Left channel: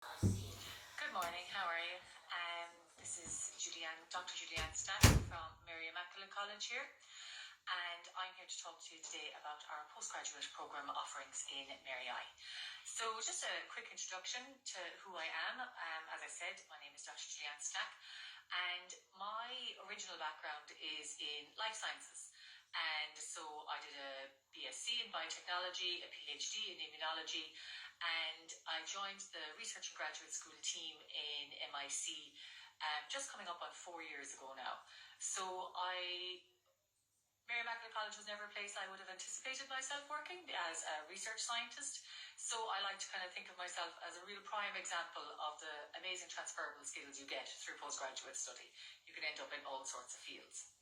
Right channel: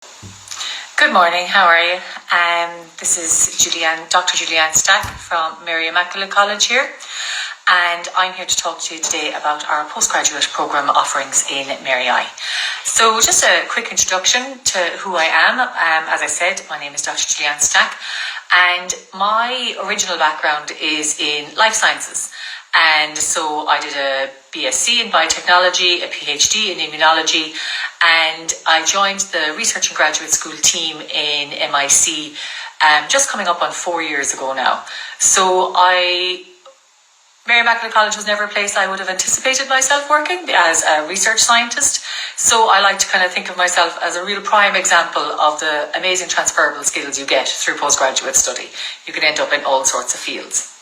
Good morning, how are you? This is Julianne, Dr. Julianne Stack from Mary Immaculate College here, and I'm here to talk to you today about our postgraduate programme offerings in Mary I. So just a quick introduction to who I am. As I said, my name is Dr. Julianne Stack, and my original background is in life sciences. And so I did a BSc in biotechnology, a PhD in immunology, and I joined the research and graduate school team in MIC just coming up on 4 years ago now. So Mary Immaculate College was never a place I would have anticipated myself working as a research scientist. So I like to kind of think of myself as a real prime example of the amazing transferable skills you get through postgraduate study. You can end up in all sorts of fields.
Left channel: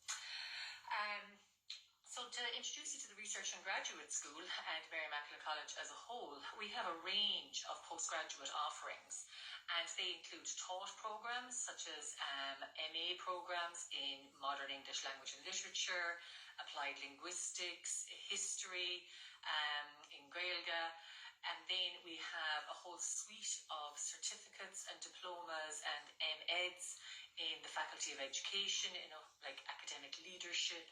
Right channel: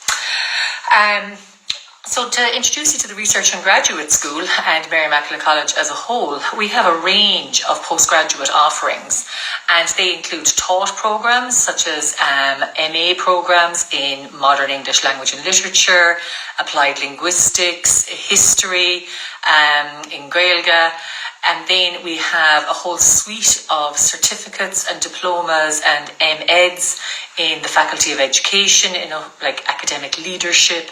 So to introduce you to the Research and Graduate School and Mary Immaculate College as a whole, we have a range of postgraduate offerings, and they include taught programs such as MA programs in Modern English Language and Literature, Applied Linguistics, History, in Gaeilge. And then we have a whole suite of certificates and diplomas and MEds in the Faculty of Education, like academic leadership,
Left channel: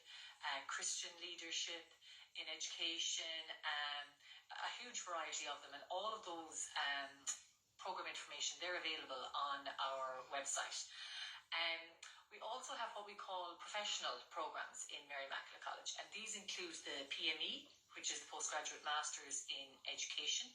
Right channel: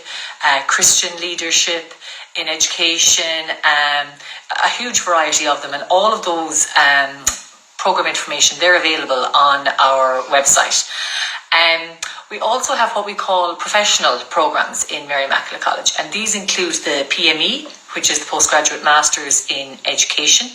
Christian leadership in education, a huge variety of them. And all of those program information, they're available on our website. We also have what we call professional programs in Mary Immaculate College, and these include the PME, which is the Postgraduate Masters in Education.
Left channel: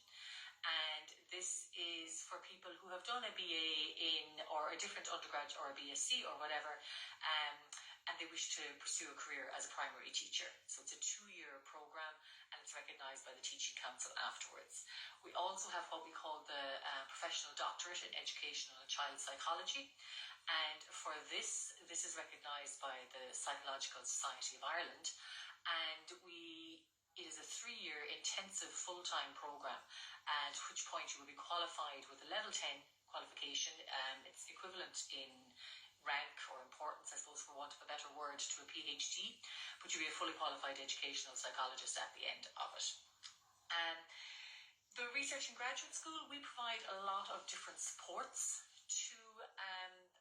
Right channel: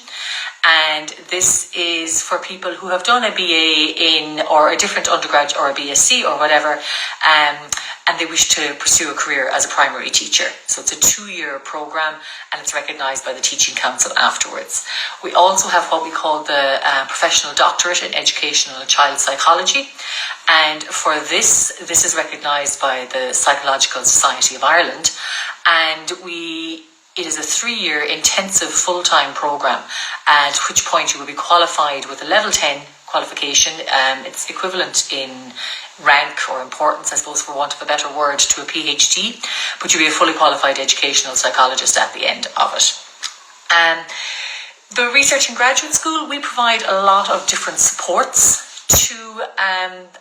And this is for people who have done a BA in or a different undergrad or a BSc or whatever, and they wish to pursue a career as a primary teacher. So it's a 2-year program and it's recognised by the Teaching Council afterwards. We also have what we call the Professional Doctorate in Educational and Child Psychology. And for this is recognised by the Psychological Society of Ireland. And it is a 3-year intensive full-time programme, at which point you will be qualified with a level 10 qualification. It's equivalent in rank or importance, I suppose, for want of a better word, to a PhD, but you'll be a fully qualified educational psychologist at the end of it. The Research and Graduate School, we provide a lot of different supports to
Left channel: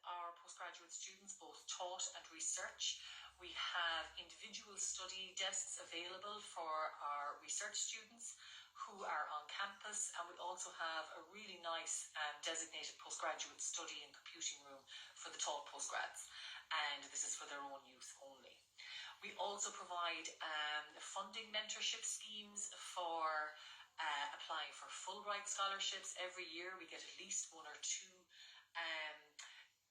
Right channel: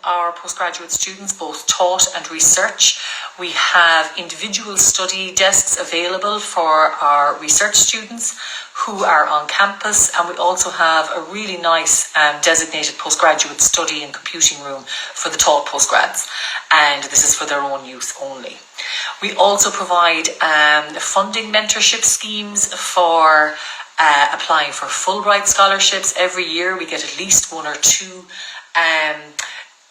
our postgraduate students, both taught and research. We have individual study desks available for our research students who are on campus, and we also have a really nice designated postgraduate study and computing room for the taught postgrads, and this is for their own use only. We also provide funding mentorship schemes for applying for Fulbright scholarships. Every year we get at least 1 or 2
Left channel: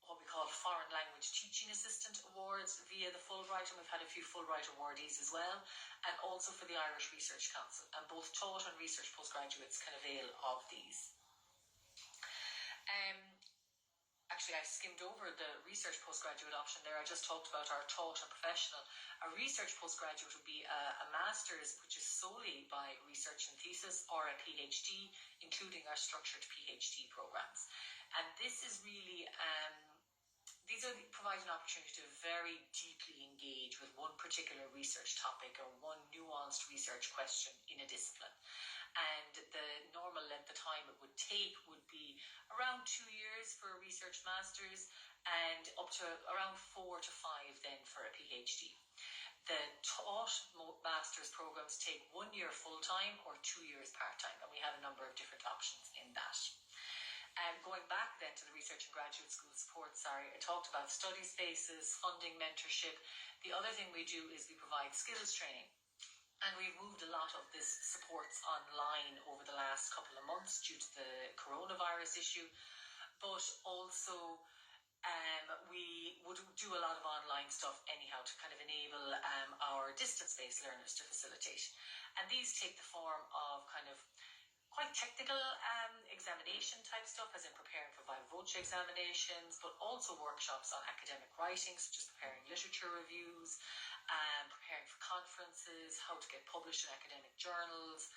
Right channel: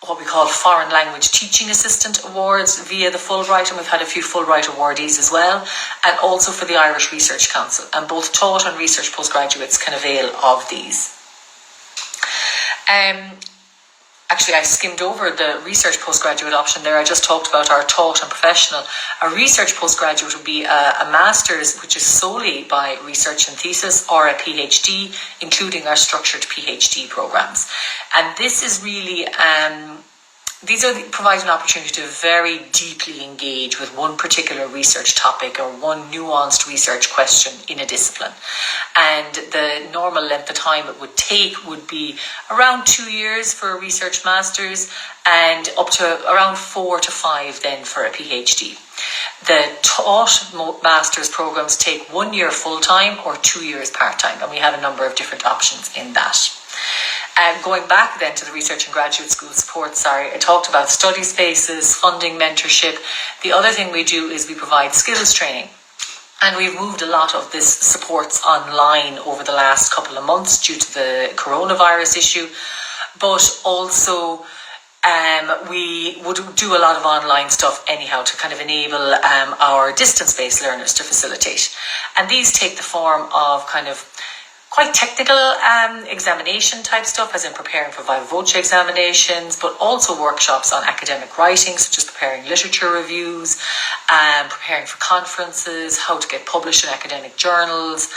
what we call foreign language teaching assistant awards via the Fulbright, and we've had a few Fulbright awardees as well, and also for the Irish Research Council, and both taught and research postgraduates can avail of these. Actually, I skimmed over the research postgraduate option there. I just talked about our taught and professional. A research postgraduate would be a master's, which is solely by research and thesis, or a PhD, including our structured PhD programs. And this is really, provide an opportunity to very deeply engage with one particular research topic or one nuanced research question in a discipline. And the normal length of time it would take would be around 2 years for a research master's and up to around 4 to 5 then for a PhD. The taught master's programs take 1 year full-time or 2 years part-time, and we have a number of different options in that. Going back then to the Research and Graduate School support, I talked about study spaces, funding, mentorship. The other thing we do is we provide skills training. And we've moved a lot of this supports online over the last couple of months due to the coronavirus issue. But also we would do a lot of online stuff anyhow to kind of enable our distance-based learners to facilitate. And these take the form of kind of quite technical examination type stuff, as in preparing for viva voce examinations, but also workshops on academic writing, such as preparing literature reviews, preparing for conferences, how to get published in academic journals.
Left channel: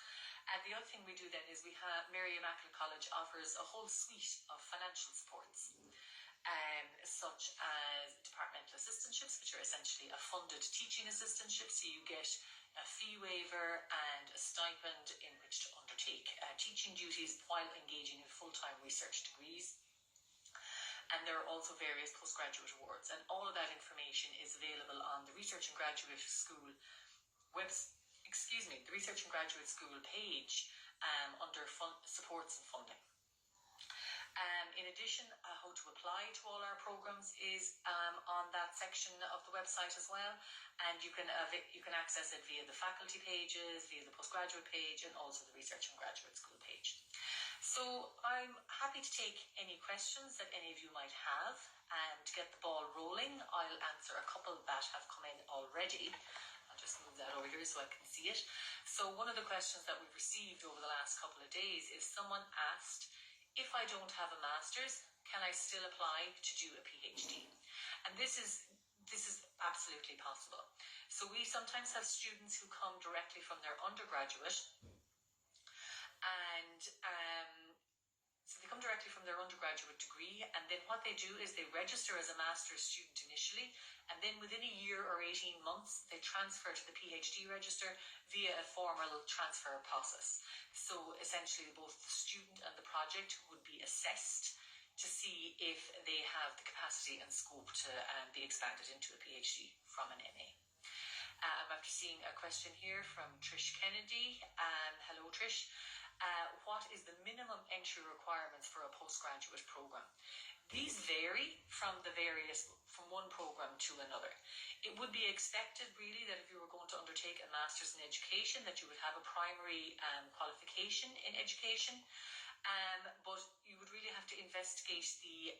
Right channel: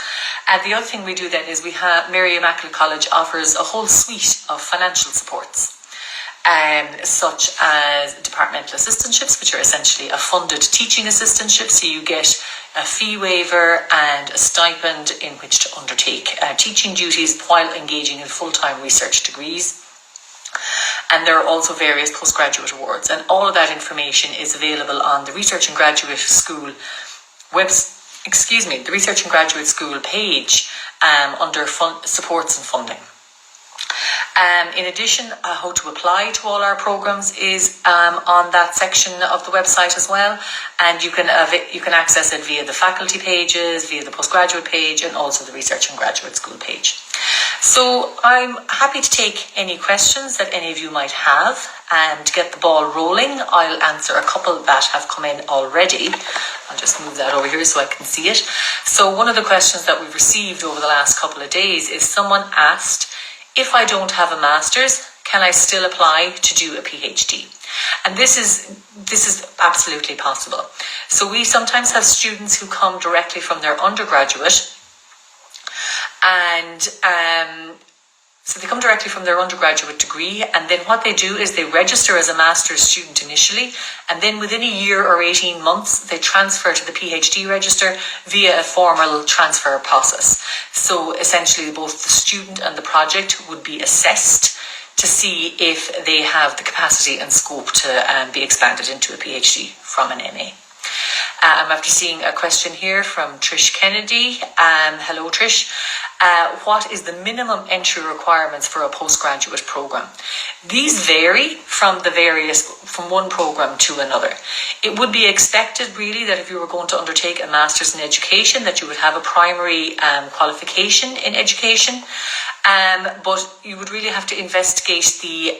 And the other thing we do then is Mary Immaculate College offers a whole suite of financial supports, such as departmental assistantships, which are essentially a funded teaching assistantship. So you get a fee waiver and a stipend in which to undertake teaching duties while engaging in full-time research degrees. And there are also various postgraduate awards, and all of that information is available on the Research and Graduate School the Research and Graduate School page under supports and funding. In addition, how to apply to all our programs is on that section of the website as well, and you can access it via the faculty pages, via the postgraduate page, and also the Research and Graduate School page. So I'm happy to take any questions that any of you might have, and to get the ball rolling, I'll answer a couple that have come in already. I'll just move that over here so I can see it. So one of the questions that we've received over the last couple of days is someone asked, if I don't have a master's, can I still apply to do a PhD? And this is absolutely possible. So we sometimes have students who come directly from their undergraduate, and so they come directly from their undergraduate degree, and then what they do is they register as a master's student initially, and then within a year or 18 months, they transfer to the PhD register via a formal transfer process. So essentially both the student and the project would be assessed to see if they have the capacity and scope to be expanded into a PhD from an MA. I'm after seeing a question here from Trish Kennedy. Hello, Trish. What is the minimum entry requirements for a postgraduate program? These vary from one program to another. It would be expected really that if you were going to undertake a master's in education, that you would have a primary qualification in education. But you would really have to investigate the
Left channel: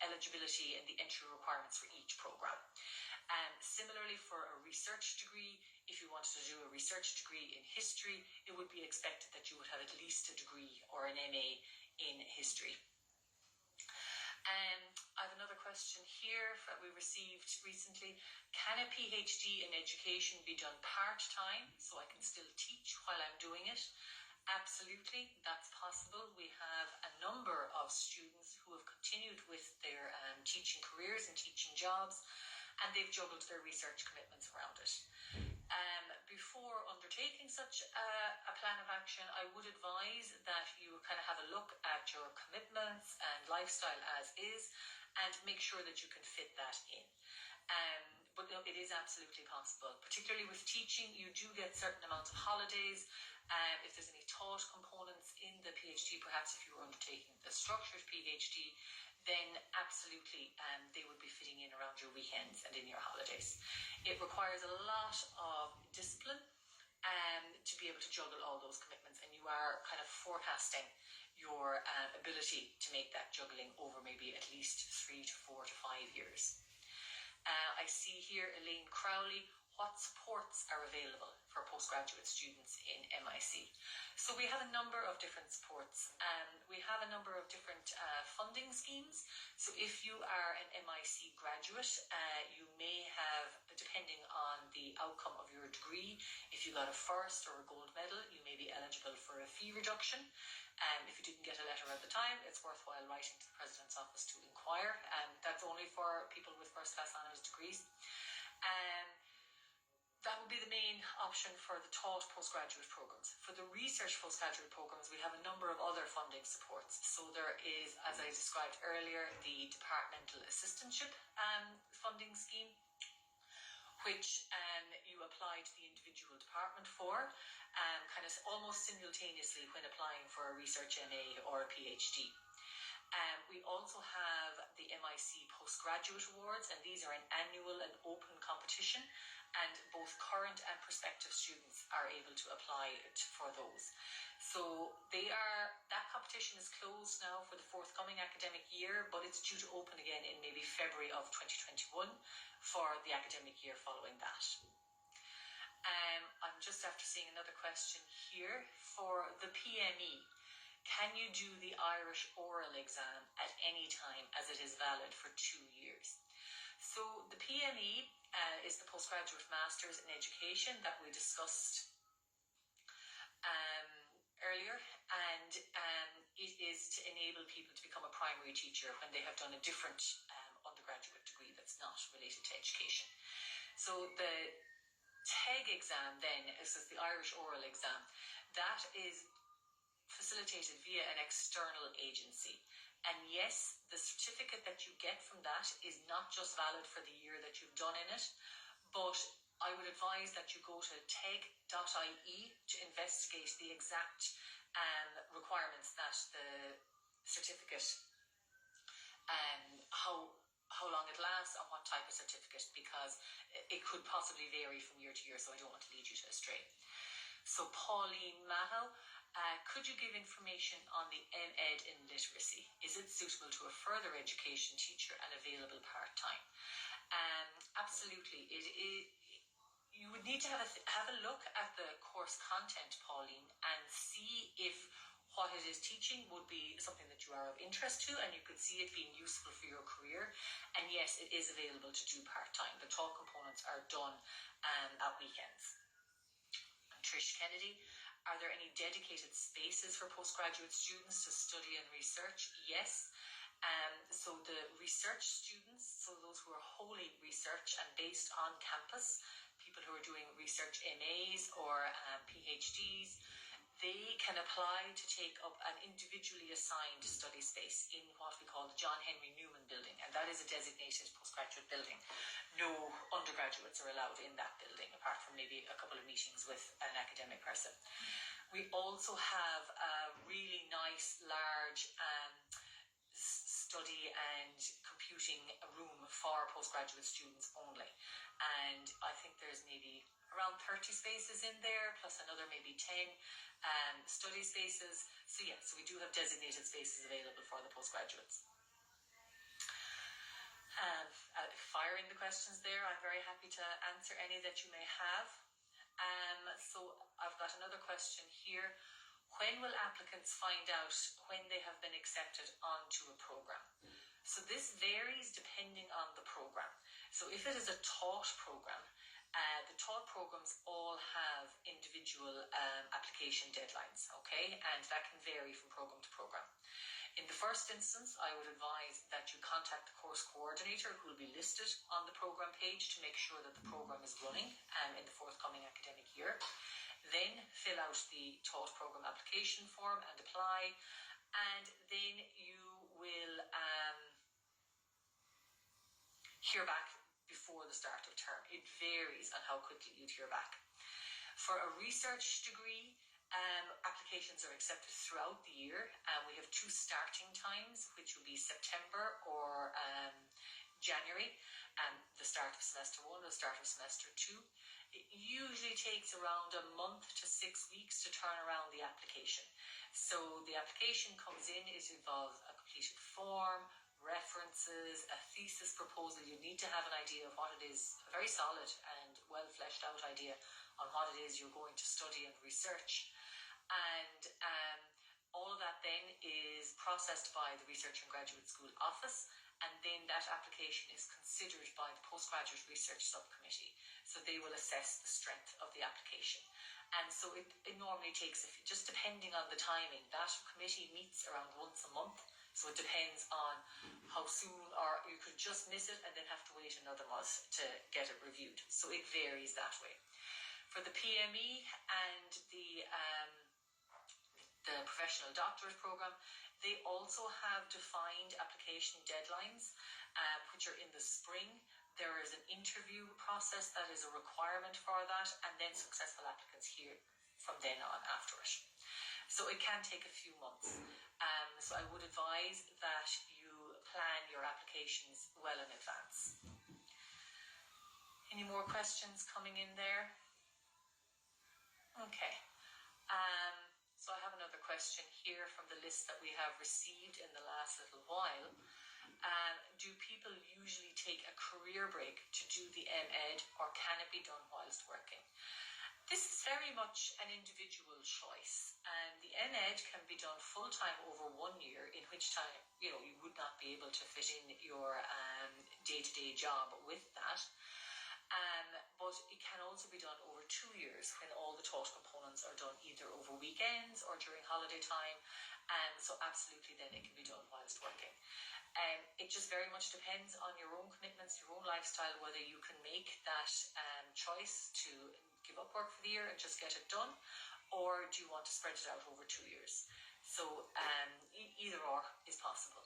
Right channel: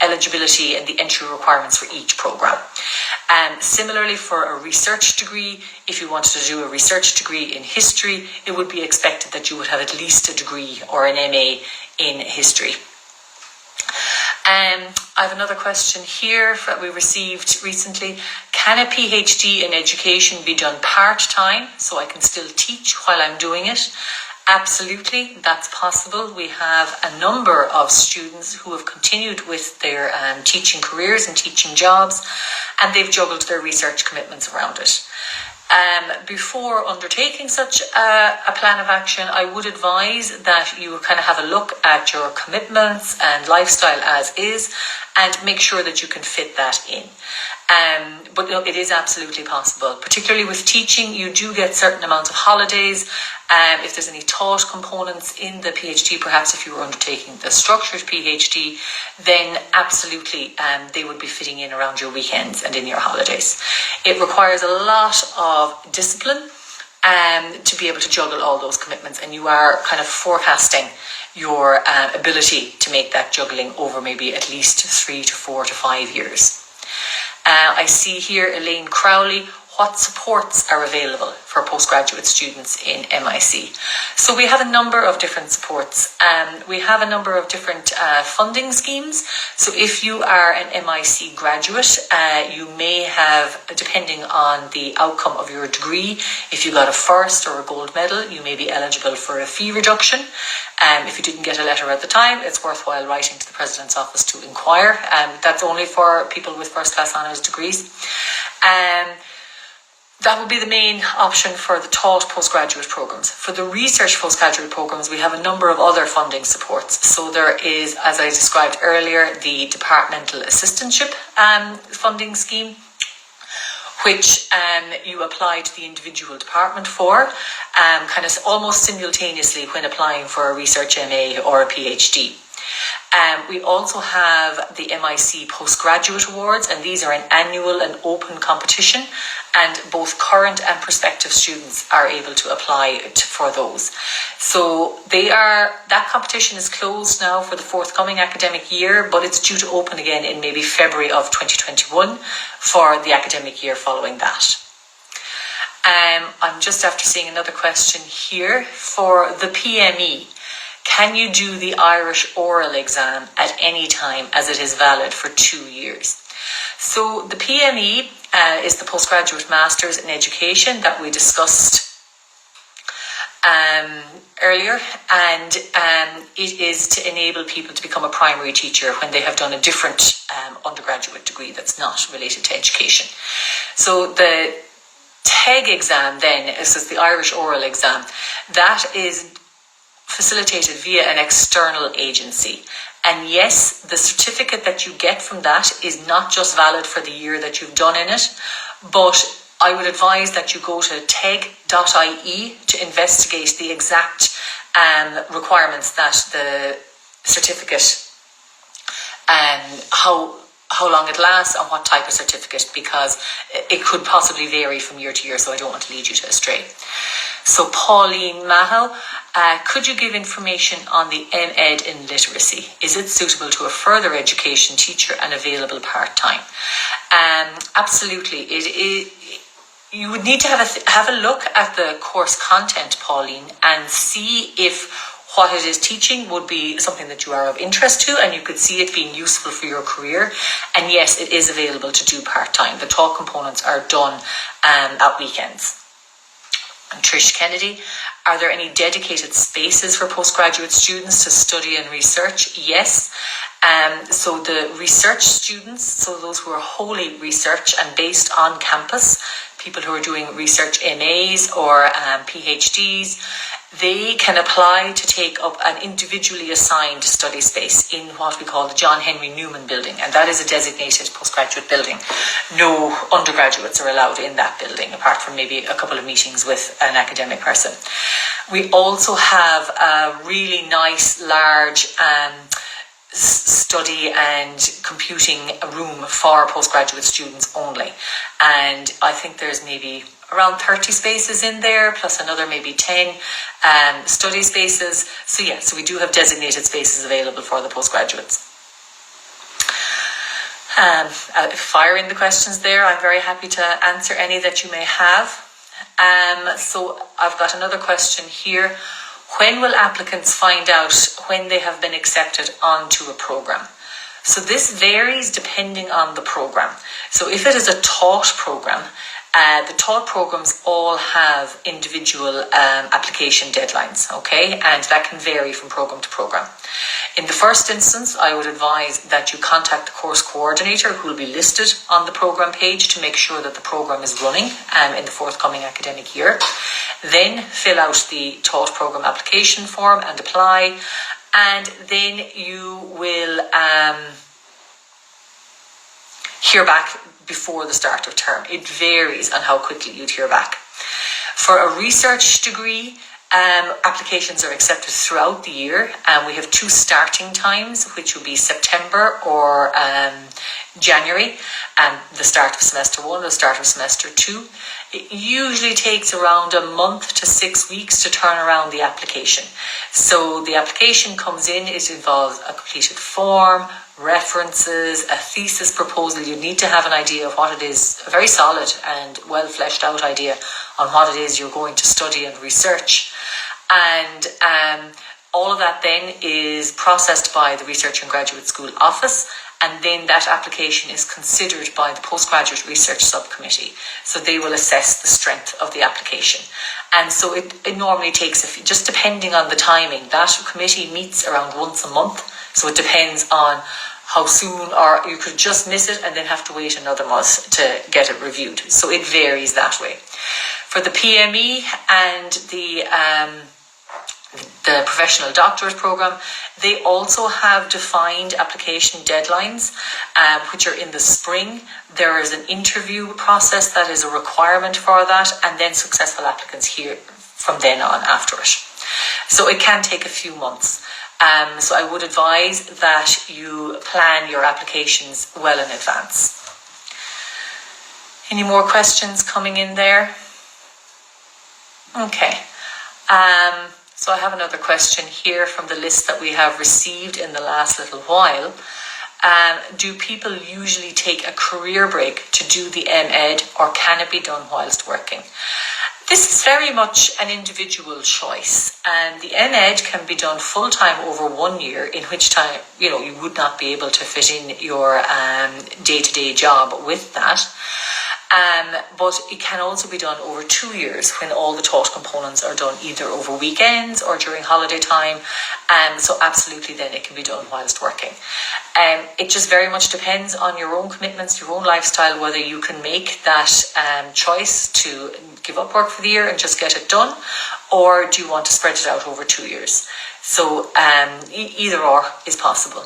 eligibility and the entry requirements for each program. Similarly, for a research degree, if you wanted to do a research degree in history, it would be expected that you would have at least a degree or an MA in history. I have another question here that we received recently. Can a PhD in education be done part-time so I can still teach while I'm doing it? Absolutely, that's possible. We have a number of students who have continued with their teaching careers and teaching jobs, and they've juggled their research commitments around it. Before undertaking such a plan of action, I would advise that you kind of have a look at your commitments and lifestyle as is, and make sure that you can fit that in. But no, it is absolutely possible. Particularly with teaching, you do get certain amounts of holidays. If there's any taught components in the PhD, perhaps if you were undertaking the structured PhD, then absolutely they would be fitting in around your weekends and in your holidays. It requires a lot of discipline to be able to juggle all those commitments, and you are kind of forecasting your ability to make that juggling over maybe at least 3 to 4 to 5 years. I see here Elaine Crowley. What supports are available for postgraduate students in MIC? So we have a number of different supports. We have a number of different funding schemes. So if you are an MIC graduate, you may have, depending on the outcome of your degree, if you got a first or a gold medal, you may be eligible for a fee reduction. If you didn't get a letter at the time, it's worthwhile writing to the President's Office to inquire. That's only for people with first-class honours degrees. That would be the main option for the taught postgraduate programs. For the research postgraduate programs, we have a number of other funding supports. So there is, as I described earlier, the departmental assistantship funding scheme, which you apply to the individual department for, kind of almost simultaneously when applying for a research MA or a PhD. We also have the MIC Postgraduate Awards, and these are an annual and open competition, and both current and prospective students are able to apply for those. So that competition is closed now for the forthcoming academic year, but it's due to open again in maybe February of 2021 for the academic year following that. I'm just after seeing another question here. For the PME, can you do the Irish oral exam at any time as it is valid for 2 years? So the PME is the Postgraduate Masters in Education that we discussed earlier, and it is to enable people to become a primary teacher when they have done a different undergraduate degree that's not related to education. So the TEG exam then, this is the Irish oral exam, that is facilitated via an external agency. And yes, the certificate that you get from that is not just valid for the year that you've done in it, but I would advise that you go to teg.ie to investigate the exact requirements that the certificate, how long it lasts and what type of certificate, because it could possibly vary from year to year, so I don't want to lead you astray. So Pauline Maho, could you give information on the MEd in literacy? Is it suitable to a further education teacher and available part-time? Absolutely. It is. You would need to have a look at the course content, Pauline, and see if what it is teaching would be something that you are of interest to and you could see it being useful for your career. And yes, it is available to do part-time. The talk components are done at weekends. And Trish Kennedy, are there any dedicated spaces for postgraduate students to study and research? Yes. So the research students, so those who are wholly research and based on campus, people who are doing research MAs or PhDs, they can apply to take up an individually assigned study space in what we call the John Henry Newman building, and that is a designated postgraduate building. No undergraduates are allowed in that building, apart from maybe a couple of meetings with an academic person. We also have a really nice, large study and computing room for postgraduate students only, and I think there's maybe around 30 spaces in there, plus another maybe 10 study spaces. So yeah, so we do have designated spaces available for the postgraduates. Firing the questions there, I'm very happy to answer any that you may have. So I've got another question here. When will applicants find out when they have been accepted onto a programme? So this varies depending on the programme. So if it is a taught programme, the taught programmes all have individual application deadlines, okay? And that can vary from programme to programme. In the first instance, I would advise that you contact the course coordinator who will be listed on the programme page to make sure that the programme is running in the forthcoming academic year. Then fill out the taught programme application form and apply. And then you will hear back before the start of term. It varies on how quickly you'd hear back. For a research degree, applications are accepted throughout the year, and we have 2 starting times, which will be September or January, and the start of semester 1, the start of semester 2. It usually takes around a month to 6 weeks to turn around the application. So the application comes in, it involves a completed form, references, a thesis proposal. You need to have an idea of what it is, a very solid and well fleshed out idea on what it is you're going to study and research. And all of that then is processed by the Research and Graduate School office, and then that application is considered by the Postgraduate Research Subcommittee. So they will assess the strength of the application. And so it normally takes, just depending on the timing, that committee meets around once a month. So it depends on how soon, or you could just miss it and then have to wait another month to get it reviewed. So it varies that way. For the PME and the professional doctorate programme, they also have defined application deadlines, which are in the spring. There is an interview process that is a requirement for that, and then successful applicants here from then on after it. So it can take a few months. So I would advise that you plan your applications well in advance. Any more questions coming in there? Okay. So I have another question here from the list that we have received in the last little while. Do people usually take a career break to do the MEd, or can it be done whilst working? This is very much an individual choice, and the MEd can be done full-time over 1 year, in which time, you would not be able to fit in your day-to-day job with that. But it can also be done over 2 years when all the taught components are done either over weekends or during holiday time. So absolutely then it can be done whilst working. It just very much depends on your own commitments, your own lifestyle, whether you can make that choice to give up work for the year and just get it done, or do you want to spread it out over 2 years? So either or is possible.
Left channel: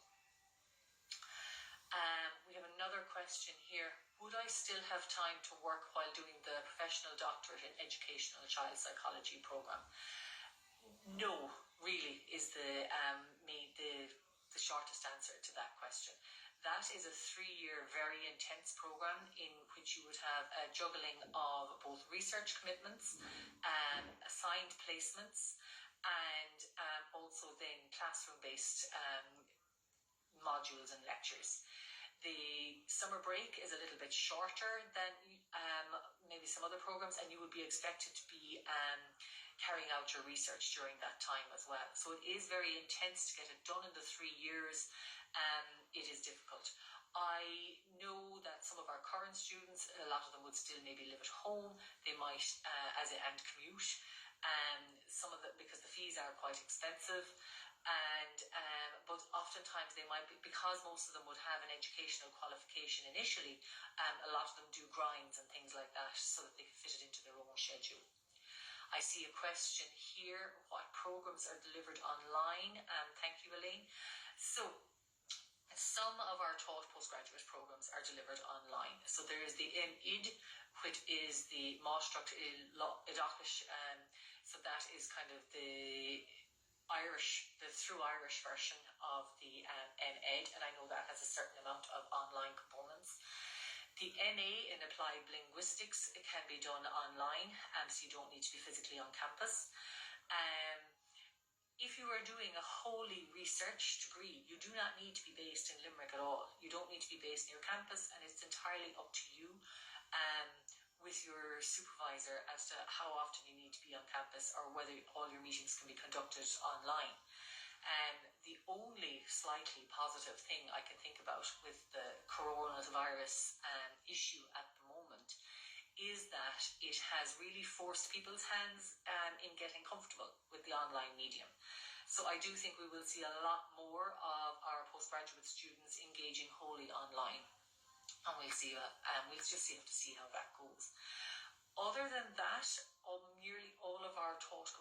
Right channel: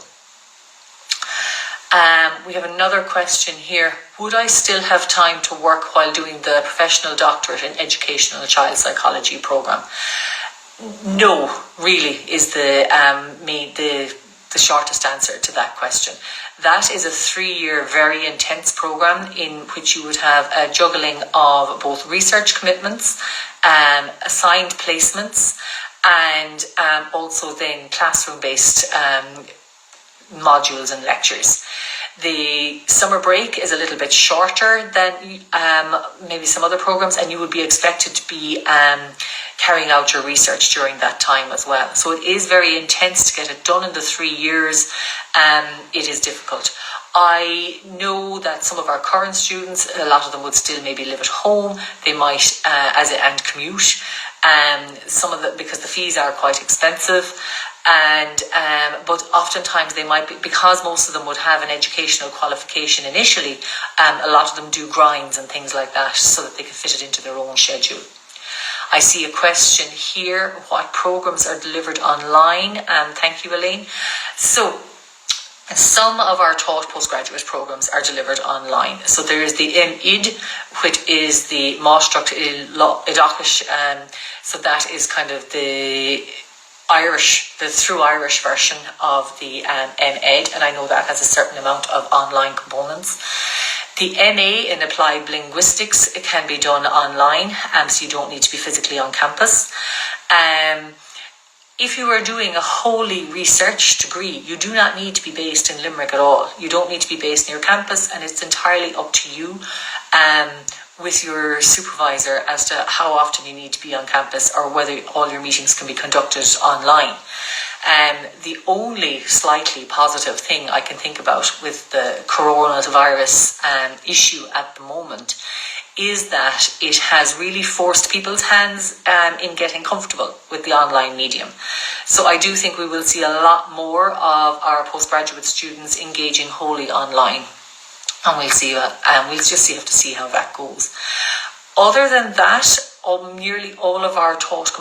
We have another question here. Would I still have time to work while doing the professional doctorate in educational child psychology program? No, really, is the shortest answer to that question. That is a 3-year very intense program in which you would have a juggling of both research commitments, assigned placements, and also then classroom-based modules and lectures. The summer break is a little bit shorter than maybe some other programs, and you would be expected to be carrying out your research during that time as well. So it is very intense to get it done in the 3 years. It is difficult. I know that some of our current students, a lot of them would still maybe live at home. They might and commute. Because the fees are quite expensive. But oftentimes they might be, because most of them would have an educational qualification initially, a lot of them do grinds and things like that so that they can fit it into their own schedule. I see a question here, what programs are delivered online? Thank you, Elaine. So some of our taught postgraduate programs are delivered online. So there is the MID, which is the Mástrucht Idachish, so that is kind of the through Irish version of the MEd, and I know that has a certain amount of online components. The MA in Applied Linguistics, it can be done online, so you don't need to be physically on campus. If you are doing a wholly research degree, you do not need to be based in Limerick at all. You don't need to be based near campus, and it's entirely up to you with your supervisor as to how often you need to be on campus or whether all your meetings can be conducted online. The only slightly positive thing I can think about with the coronavirus issue at the moment is that it has really forced people's hands in getting comfortable with the online medium. So I do think we will see a lot more of our postgraduate students engaging wholly online. And we'll just have to see how that goes. Other than that, nearly all of our taught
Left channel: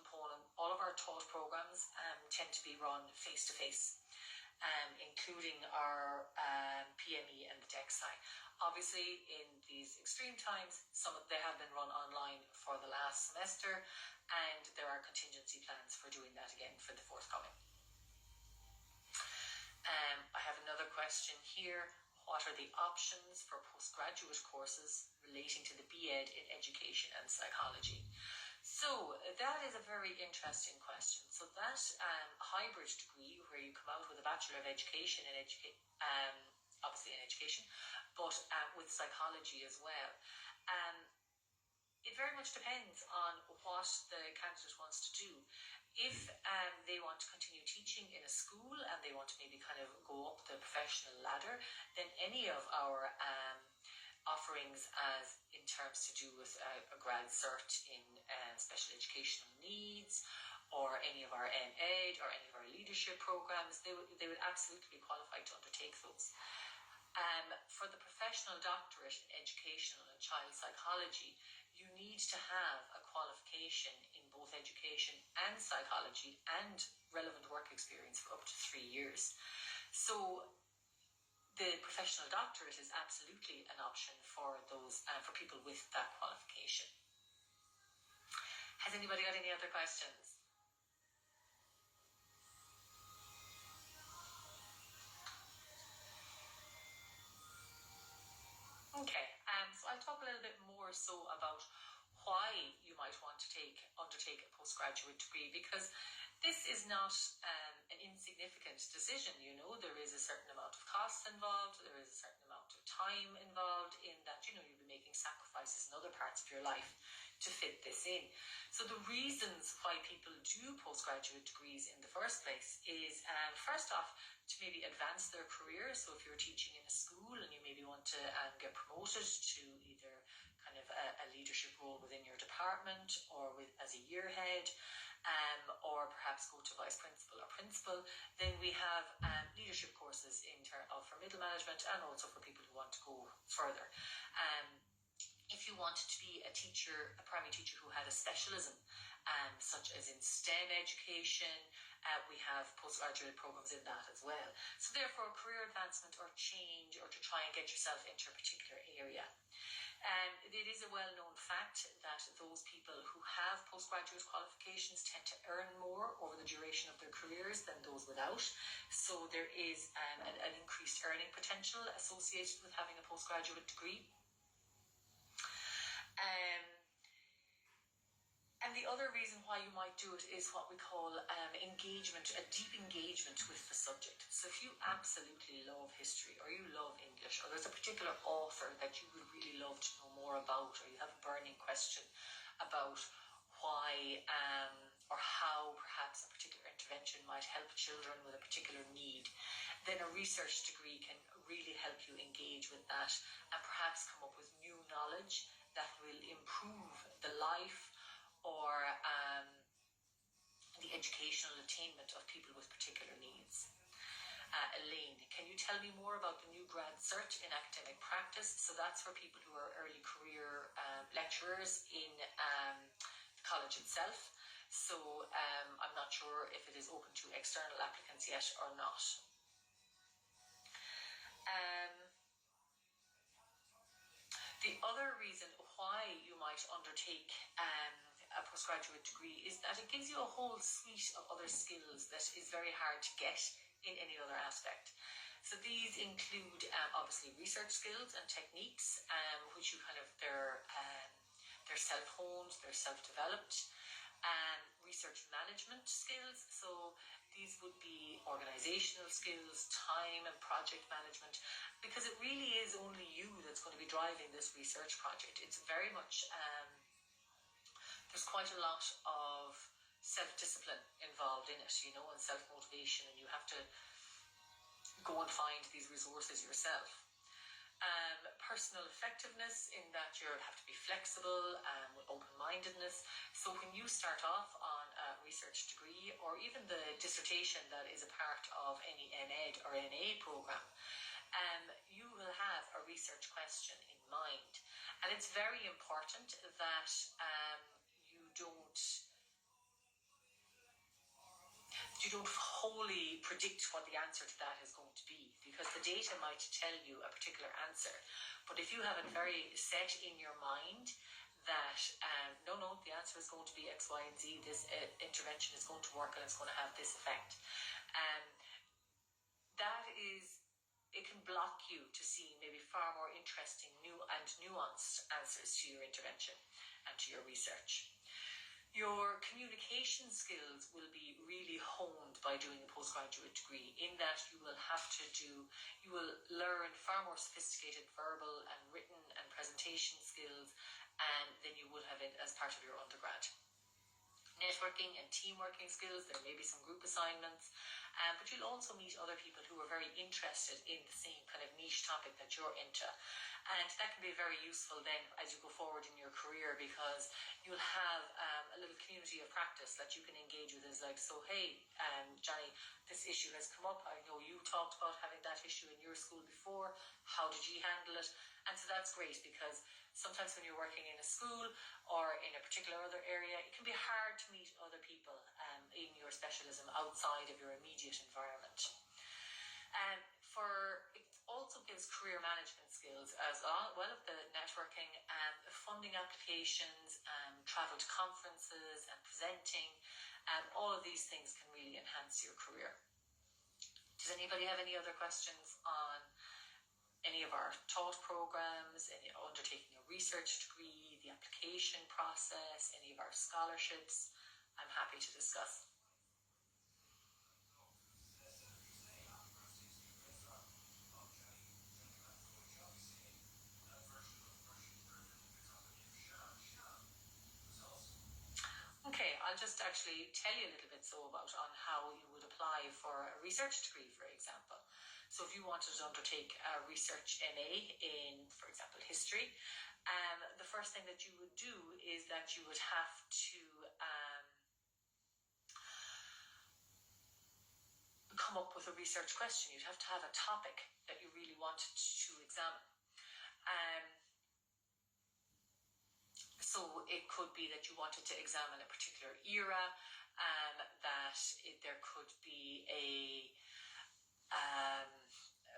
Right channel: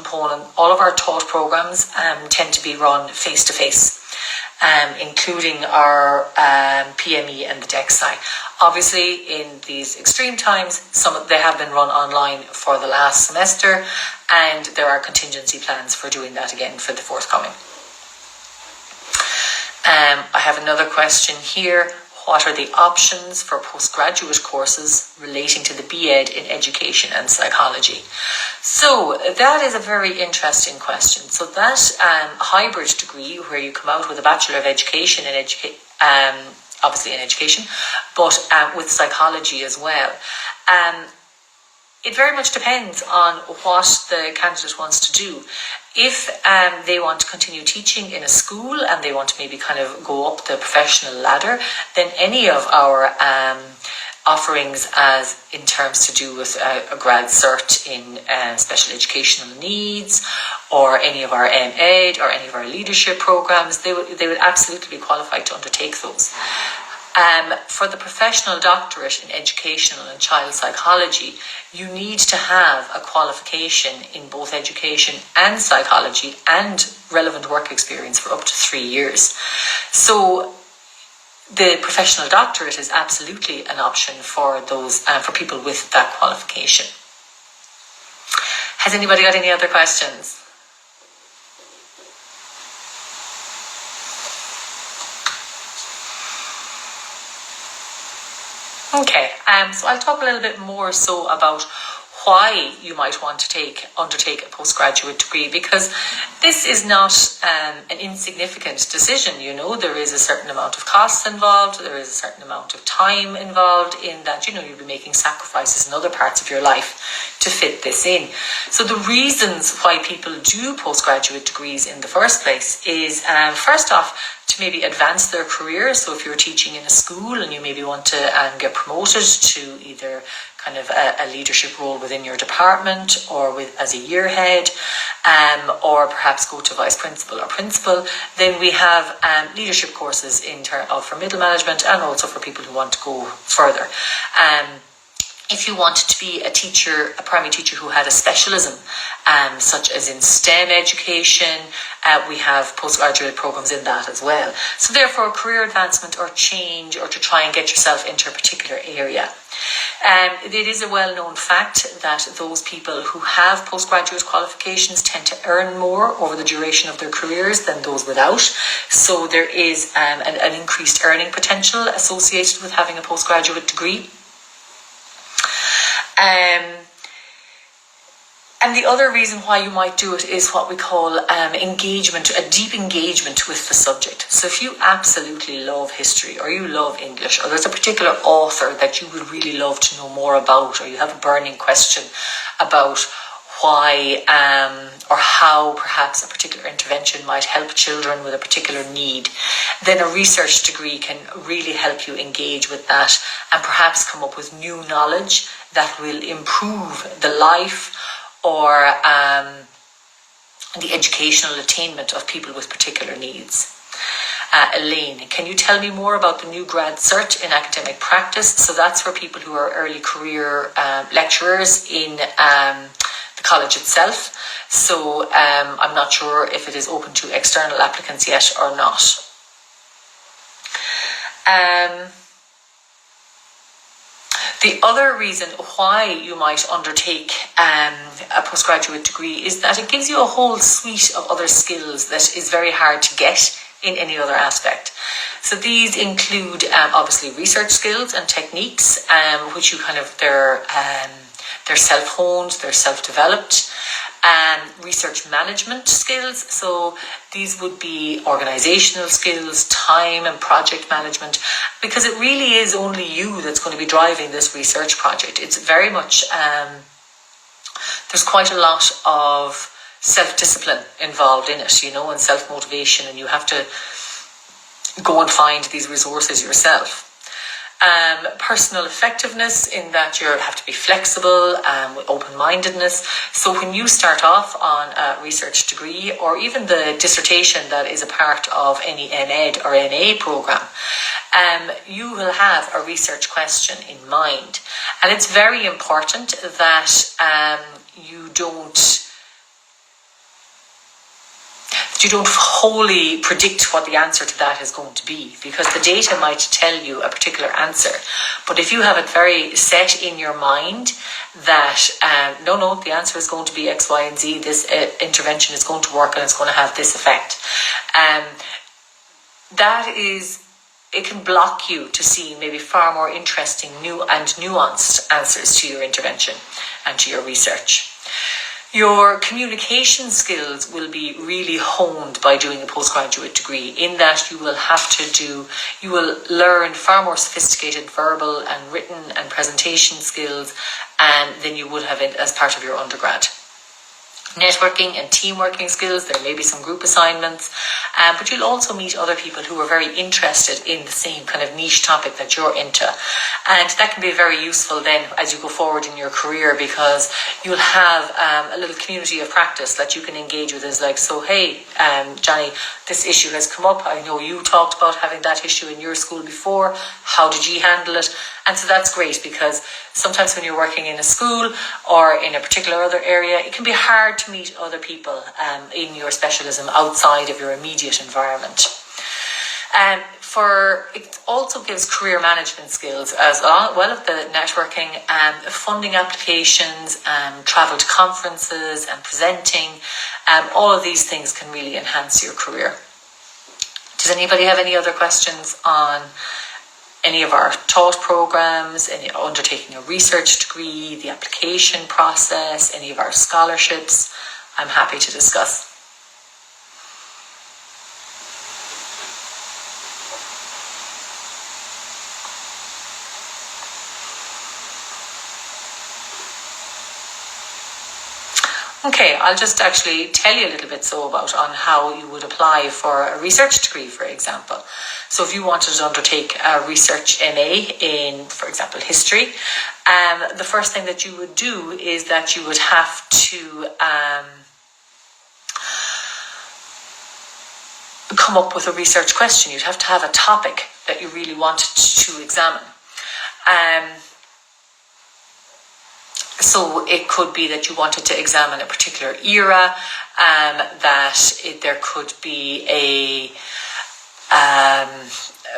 programs tend to be run face-to-face, including our PME and the DEXI. Obviously, in these extreme times, they have been run online for the last semester, and there are contingency plans for doing that again for the forthcoming. I have another question here. What are the options for postgraduate courses relating to the BEd in education and psychology? So that is a very interesting question. So that hybrid degree where you come out with a Bachelor of Education in obviously in education, but with psychology as well. It very much depends on what the candidate wants to do. If they want to continue teaching in a school and they want to maybe kind of go up the professional ladder, then any of our offerings as in terms to do with a grad cert in special educational needs, or any of our MEd or any of our leadership programs, they would absolutely be qualified to undertake those. For the professional doctorate in educational and child psychology, you need to have a qualification in both education and psychology and relevant work experience for up to 3 years. So the professional doctorate is absolutely an option for those for people with that qualification. Has anybody got any other questions? Okay, so I'll talk a little bit more so about why you might want to undertake a postgraduate degree, because this is not an insignificant decision. You know, there is a certain amount of costs involved, there is a certain amount of time involved in that, you'll be making sacrifices in other parts of your life to fit this in. So the reasons why people do postgraduate degrees in the first place is, first off, to maybe advance their career. So if you're teaching in a school and you maybe want to get promoted to either kind of a leadership role within your department or as a year head, or perhaps go to vice principal or principal, then we have leadership courses for middle management and also for people who want to go further. If you wanted to be a primary teacher who had a specialism, such as in STEM education, we have postgraduate programs in that as well. So therefore, career advancement or change, or to try and get yourself into a particular area. It is a well-known fact that those people who have postgraduate qualifications tend to earn more over the duration of their careers than those without. So there is an increased earning potential associated with having a postgraduate degree. And the other reason why you might do it is what we call engagement, a deep engagement with the subject. So if you absolutely love history, or you love English, or there's a particular author that you would really love to know more about, or you have a burning question about why or how perhaps a particular intervention might help children with a particular need, then a research degree can really help you engage with that and perhaps come up with new knowledge that will improve the life or the educational attainment of people with particular needs. Elaine, can you tell me more about the new grad cert in academic practice? So that's for people who are early career lecturers in the college itself. So I'm not sure if it is open to external applicants yet or not. The other reason why you might undertake a postgraduate degree is that it gives you a whole suite of other skills that is very hard to get in any other aspect. So these include obviously research skills and techniques, which they're self-honed, they're self-developed. Research management skills, so these would be organizational skills, time and project management, because it really is only you that's going to be driving this research project. It's very much, there's quite a lot of self-discipline involved in it, and self-motivation, and you have to go and find these resources yourself. Personal effectiveness, in that you have to be flexible, with open-mindedness. So when you start off on a research degree, or even the dissertation that is a part of any MEd or NA program, you will have a research question in mind. And it's very important that you don't wholly predict what the answer to that is going to be, because the data might tell you a particular answer. But if you have it very set in your mind that, no, the answer is going to be X, Y, and Z, this intervention is going to work and it's going to have this effect, it can block you to see maybe far more interesting, new and nuanced answers to your intervention and to your research. Your communication skills will be really honed by doing a postgraduate degree, in that you will learn far more sophisticated verbal and written and presentation skills than you would have as part of your undergrad. Networking and team working skills, there may be some group assignments, but you'll also meet other people who are very interested in the same kind of niche topic that you're into. And that can be very useful then as you go forward in your career, because you'll have a little community of practice that you can engage with. Is like, so hey, Johnny, this issue has come up. I know you talked about having that issue in your school before. How did you handle it? And so that's great, because sometimes when you're working in a school or in a particular other area, it can be hard to meet other people in your specialism outside of your immediate environment. It also gives career management skills as well as the networking, funding applications, travel to conferences and presenting. All of these things can really enhance your career. Does anybody have any other questions on any of our taught programs, any undertaking a research degree, the application process, any of our scholarships? I'm happy to discuss. Okay, I'll just actually tell you a little bit about on how you would apply for a research degree, for example. So if you wanted to undertake a research MA in, for example, history, the first thing that you would do is that you would have to come up with a research question. You'd have to have a topic that you really wanted to examine. So it could be that you wanted to examine a particular era, there could be a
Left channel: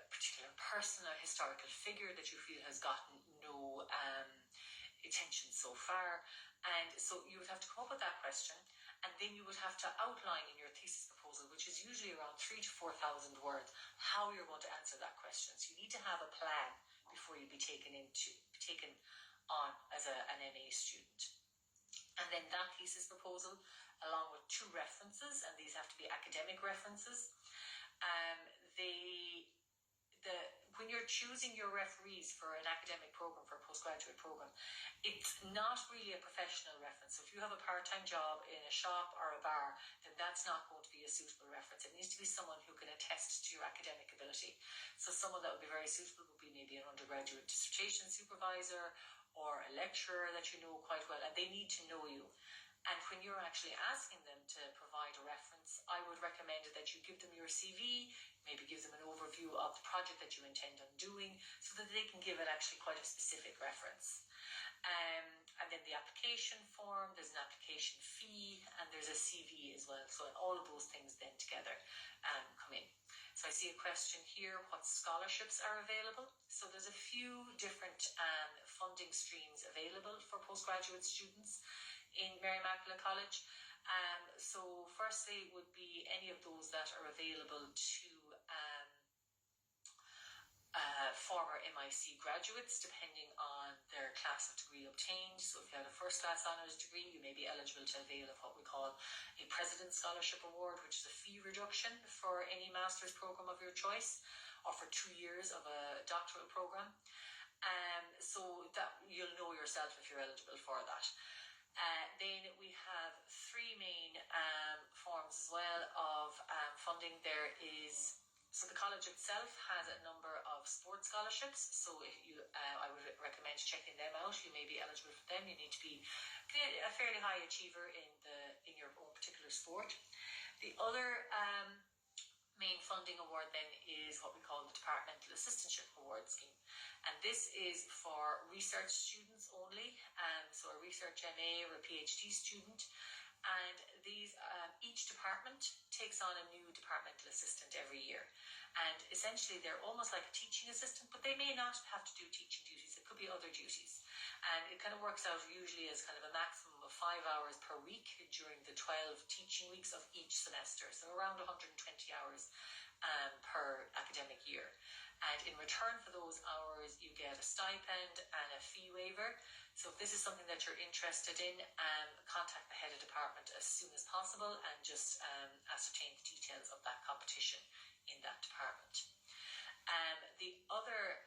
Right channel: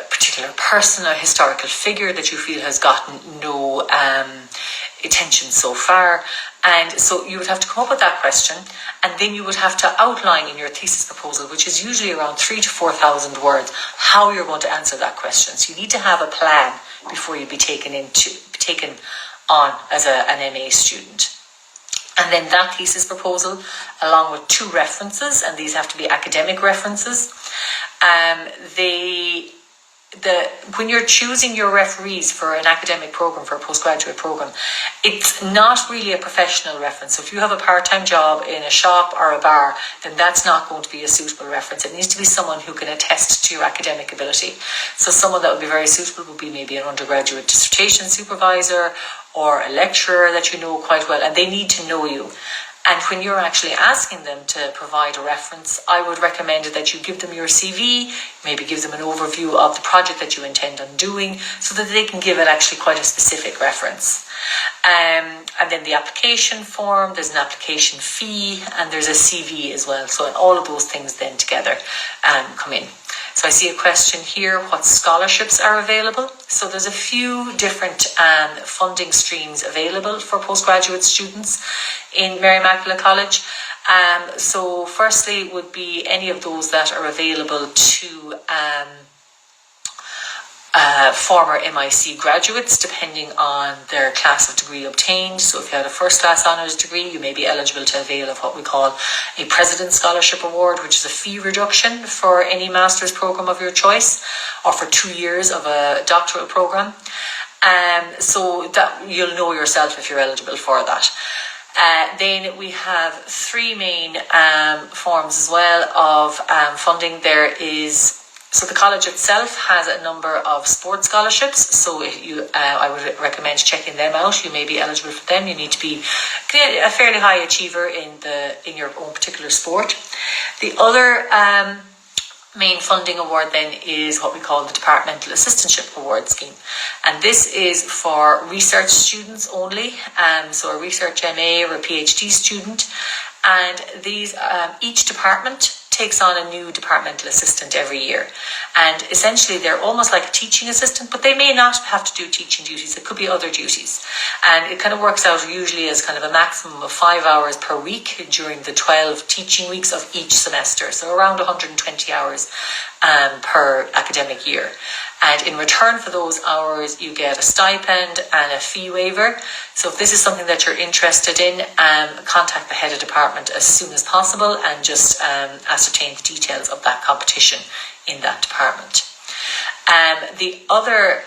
particular person, a historical figure that you feel has gotten no attention so far. And so you would have to come up with that question, and then you would have to outline in your thesis proposal, which is usually around 3,000 to 4,000 words, how you're going to answer that question. So you need to have a plan before you be taken on as an MA student. And then that thesis proposal, along with 2 references, and these have to be academic references. When you're choosing your referees for an academic program, for a postgraduate program, it's not really a professional reference. So if you have a part-time job in a shop or a bar, then that's not going to be a suitable reference. It needs to be someone who can attest to your academic ability. So someone that would be very suitable would be maybe an undergraduate dissertation supervisor or a lecturer that you know quite well, and they need to know you. And when you're actually asking them to provide a reference, I would recommend that you give them your CV, maybe give them an overview of the project that you intend on doing, so that they can give it actually quite a specific reference. And then the application form, there's an application fee, and there's a CV as well. So all of those things then together come in. So I see a question here, what scholarships are available? So there's a few different funding streams available for postgraduate students in Mary Immaculate College. So firstly would be any of those that are available to former MIC graduates, depending on their class of degree obtained. So if you had a first class honours degree, you may be eligible to avail of what we call a President's Scholarship Award, which is a fee reduction for any master's programme of your choice, or for 2 years of a doctoral programme. So that you'll know yourself if you're eligible for that. Then we have 3 main forms as well of funding. So the college itself has a number of sports scholarships. So I would recommend checking them out. You may be eligible for them. You need to be a fairly high achiever in your own particular sport. The other main funding award then is what we call the Departmental Assistantship Award Scheme. And this is for research students only. So a research MA or a PhD student. And these each department takes on a new departmental assistant every year. And essentially they're almost like a teaching assistant, but they may not have to do teaching duties. It could be other duties. And it kind of works out usually as kind of a maximum of 5 hours per week during the 12 teaching weeks of each semester. So around 120 hours per academic year. And in return for those hours, you get a stipend and a fee waiver. So if this is something that you're interested in, contact the head of department as soon as possible and just ascertain the details of that competition in that department. The other,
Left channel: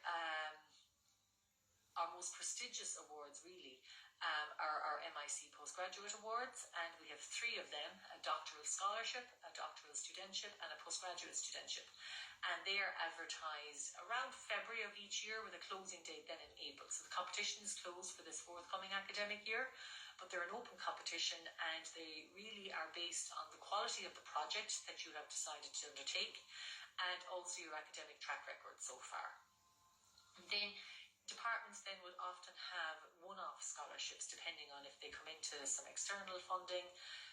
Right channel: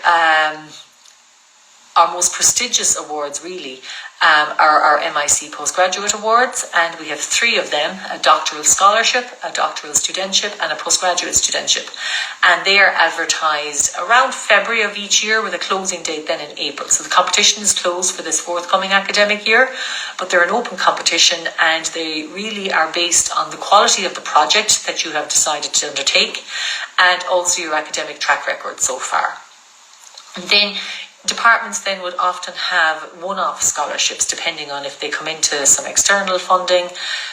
our most prestigious awards really, are our MIC Postgraduate Awards, and we have 3 of them: a doctoral scholarship, a doctoral studentship, and a postgraduate studentship. And they are advertised around February of each year, with a closing date then in April. So the competition is closed for this forthcoming academic year, but they're an open competition, and they really are based on the quality of the project that you have decided to undertake, and also your academic track record so far. And then departments then would often have one-off scholarships depending on if they come into some external funding.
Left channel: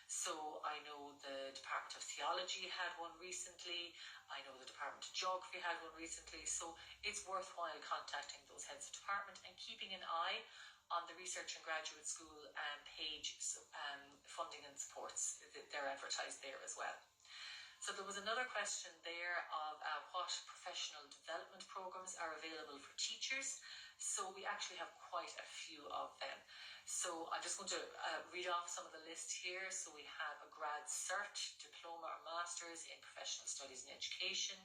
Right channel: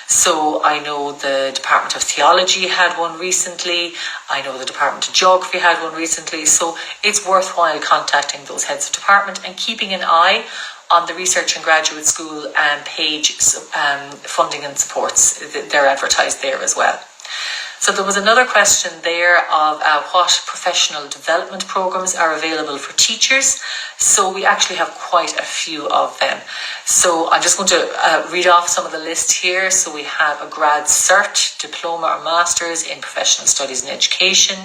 So I know the Department of Theology had one recently. I know the Department of Geography had one recently. So it's worthwhile contacting those heads of department and keeping an eye on the Research and Graduate School page, funding and supports. They're advertised there as well. So there was another question there of what professional development programs are available for teachers. So we actually have quite a few of them. So I'm just going to read off some of the list here. So we have a grad cert, diploma or master's in professional studies and education,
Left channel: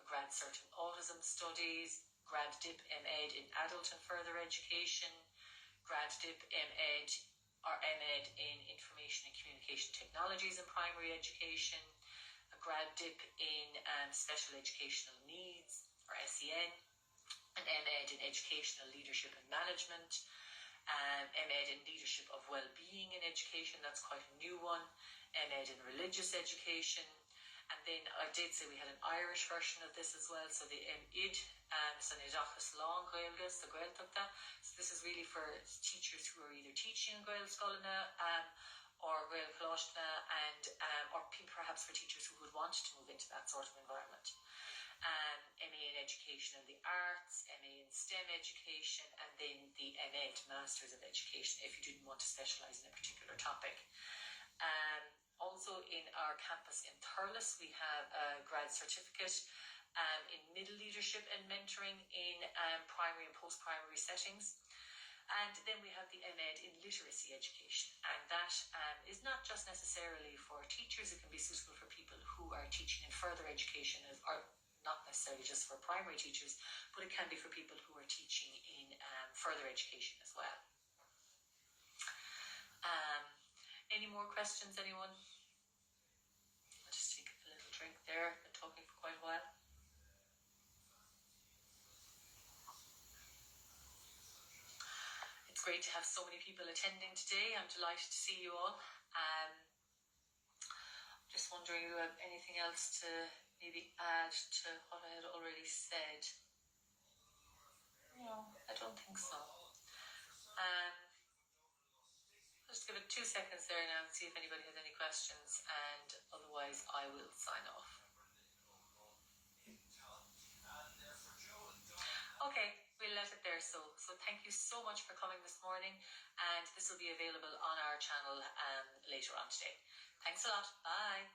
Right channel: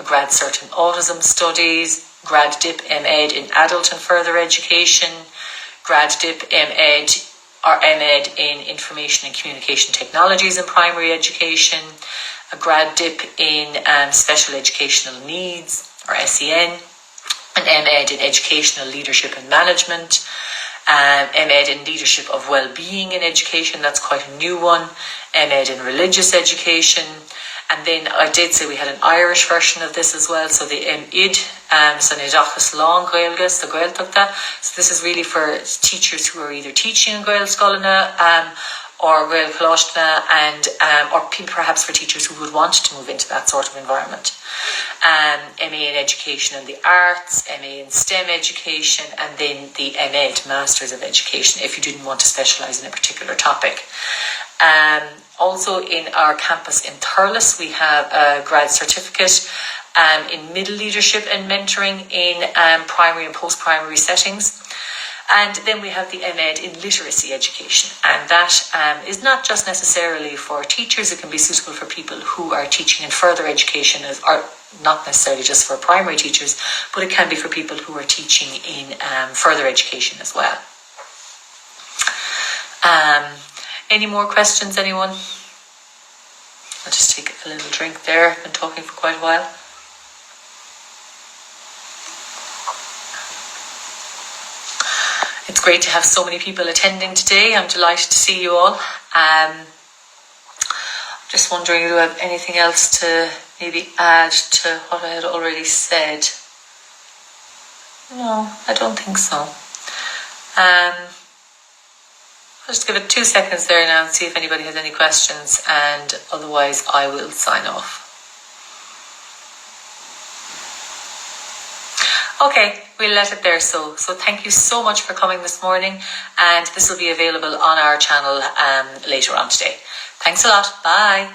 a grad cert in autism studies, grad dip MEd in adult and further education, grad dip MEd or MEd in Information and Communication Technologies in primary education, a grad dip in Special Educational Needs, or SEN, an MEd in Educational Leadership and Management, MEd in Leadership of Wellbeing in Education, that's quite a new one, MEd in Religious Education, and then I did say we had an Irish version of this as well, so the MID, so Nidachas Long Gaelgus, the Gaeltachta. So this is really for teachers who are either teaching in Gael Scolana or Gael Colostna, and or perhaps for teachers who would want to move into that sort of environment. MA in Education and the Arts, MA in STEM Education, and then the MEd, Masters of Education, if you didn't want to specialise in a particular topic. Also in our campus in Thurles, we have a grad certificate in middle leadership and mentoring in primary and post-primary settings. And then we have the MEd in literacy education, and that is not just necessarily for teachers. It can be suitable for people who are teaching in further education, or not necessarily just for primary teachers, but it can be for people who are teaching in further education as well. Any more questions, anyone? I'll just take a little drink there. I've been talking for quite a while. It's great to have so many people attending today. I'm delighted to see you all. Just wondering, do I have anything else to maybe add to what I had already said? No, I don't think so. I'll just give it 2 seconds there now and see if anybody has any questions, and otherwise I will sign off. Okay, we'll let it there. So thank you so much for coming this morning, and this will be available on our channel later on today. Thanks a lot. Bye.